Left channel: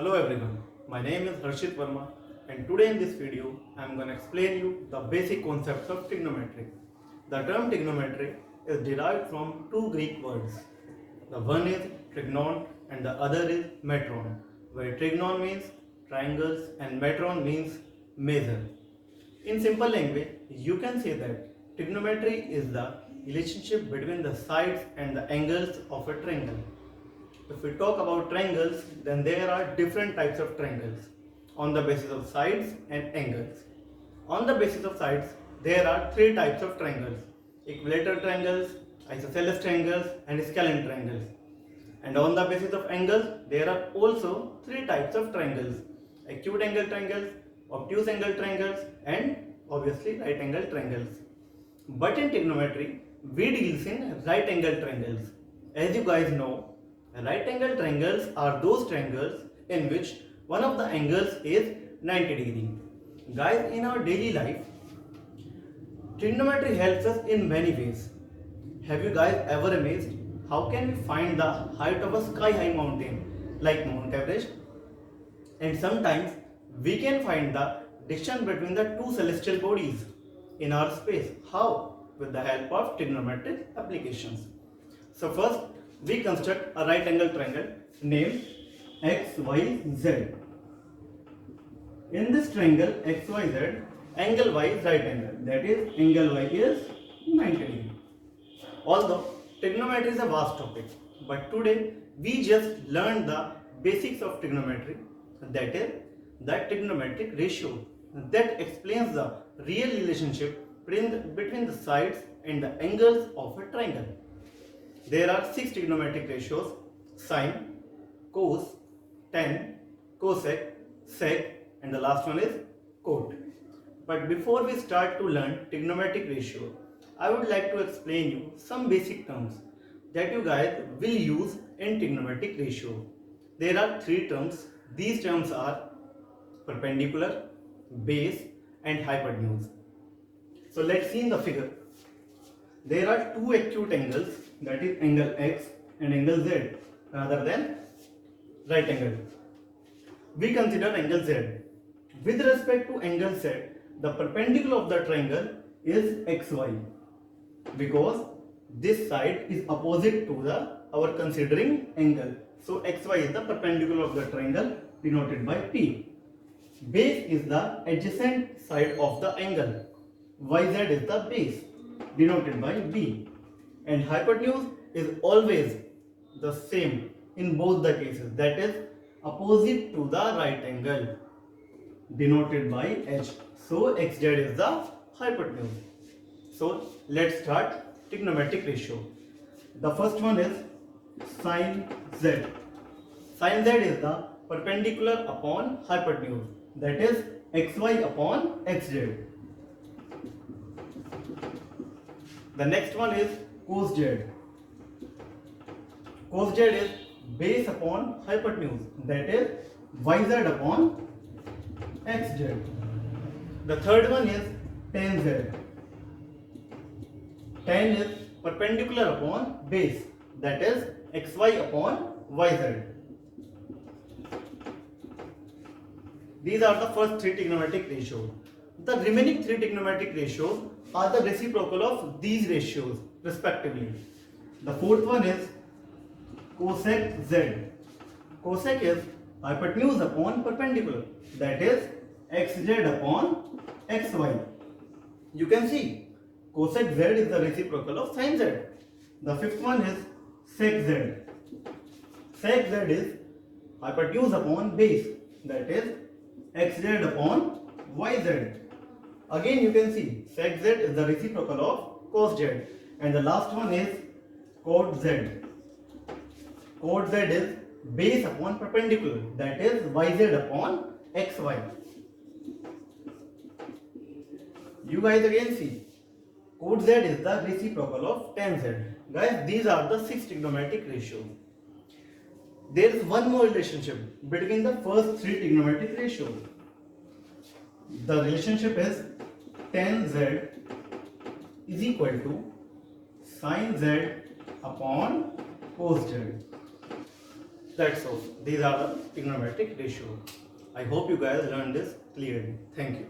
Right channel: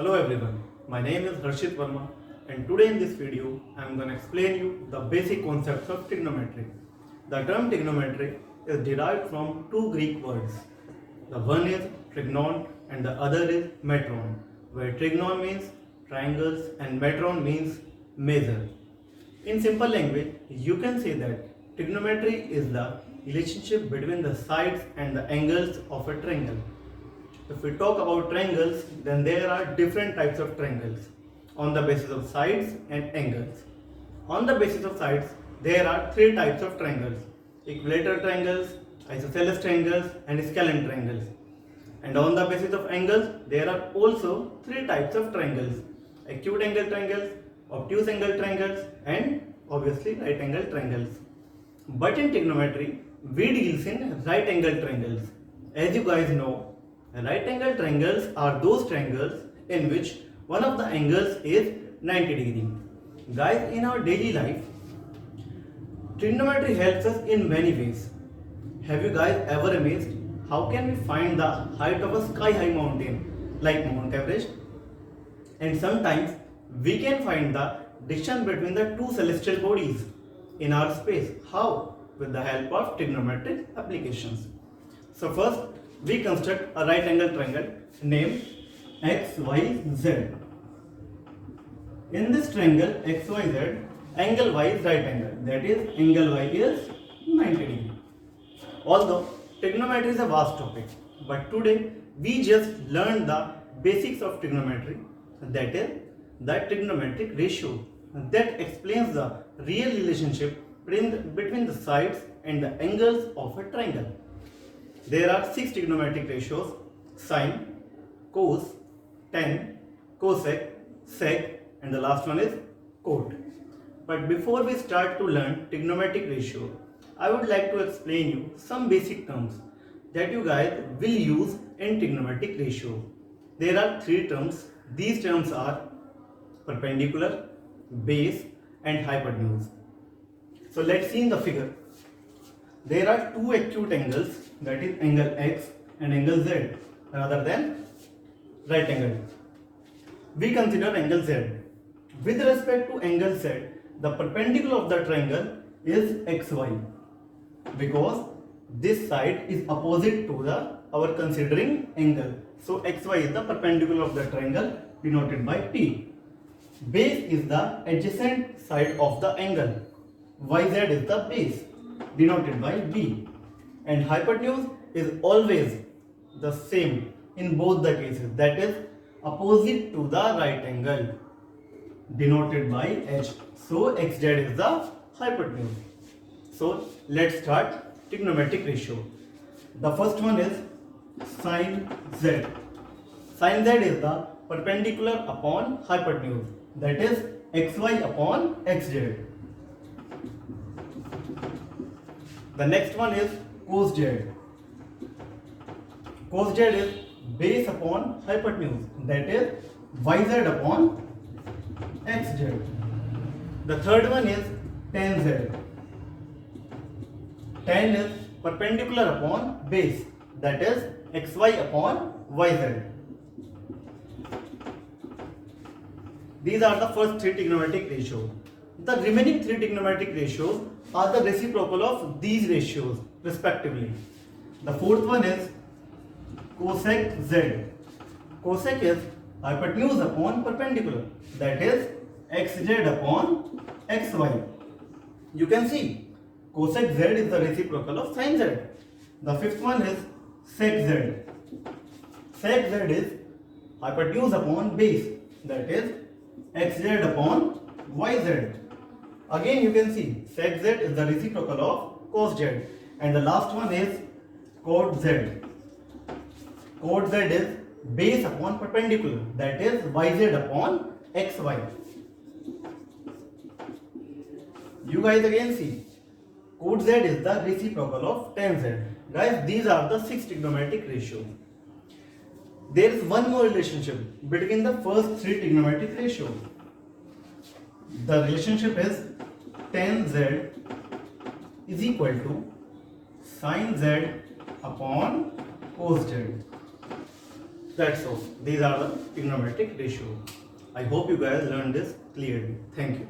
Hello everyone, my name is Harshit Verma and today in this video I am going to explain you the basic concepts of trigonometry. The term trigonometry is derived from two Greek words. The one is trigonon and the other is metron, where trigonon means triangles and metron means measure. In simple language, you can say that trigonometry is the relationship between the sides and the angles of a triangle. If we talk about triangles, then there are different types of triangles on the basis of sides and angles. On the basis of sides, there are three types of triangles: equilateral triangles, isosceles triangles, and scalene triangles. And on the basis of angles, there are also three types of triangles: acute angle triangles, obtuse angle triangles, and obviously right angle triangles. But in trigonometry, we deal in right angle triangles. As you guys know, right angle triangles are those triangles in which one of the angles is 90 degree. Guys, in our daily life, trigonometry helps us in many ways. Have you guys ever amazed how can we find the height of a sky high mountain like Mount Everest? And sometimes we can find the distance between the two celestial bodies in our space. How? With the help of trigonometric applications. So first, we construct a right angle triangle named XYZ. In this triangle XYZ, angle Y is right angle. That is, angle Y is 90 degree. Although trigonometry is a vast topic, but today we just learned the basics of trigonometry. That is, the trigonometric ratio that explains the real relationship between the sides and the angles of a triangle. There are 6 trigonometric ratios: sine, cos, tan, cosec, sec, and the last one is cot. But before we start to learn trigonometric ratio, I would like to explain you some basic terms that you guys will use in trigonometric ratio. There are 3 terms. These terms are perpendicular, base, and hypotenuse. So let's see in the figure. There are two acute angles, that is angle X and angle Z, rather than right angle. We consider angle Z. With respect to angle Z, the perpendicular of the triangle is XY, because this side is opposite to the our considering angle. So XY is the perpendicular of the triangle, denoted by P. Base is the adjacent side of the angle. YZ is the base, denoted by B. And hypotenuse is always the same in both the cases, that is opposite to the right angle, denoted by H. So XZ is the hypotenuse. So let's start trigonometric ratio. The first one is sine Z. Sine Z is the perpendicular upon hypotenuse, that is XY upon XZ. The next one is cos Z. Cos Z is base upon hypotenuse, that is YZ upon XZ. The third one is tan Z. Tan is perpendicular upon base, that is XY upon YZ. These are the first 3 trigonometric ratios. The remaining 3 trigonometric ratios are the reciprocal of these ratios respectively. The fourth one is cosec Z. Cosec is hypotenuse upon perpendicular, that is XZ upon XY. You can see cosec Z is the reciprocal of sin Z. The fifth one is sec Z. Sec Z is hypotenuse upon base, that is XZ upon YZ. Again you can see sec Z is the reciprocal of cos Z. And the last one is cot Z. Cot Z is base upon perpendicular, that is YZ upon XY. You guys again see cot Z is the reciprocal of tan Z. Guys, these are the 6 trigonometric ratios. There is one more relationship between the first 3 trigonometric ratios. The relationship is tan Z is equal to sin Z upon cos Z. That's all. These are the trigonometric ratio. I hope you guys learned this clearly. Thank you.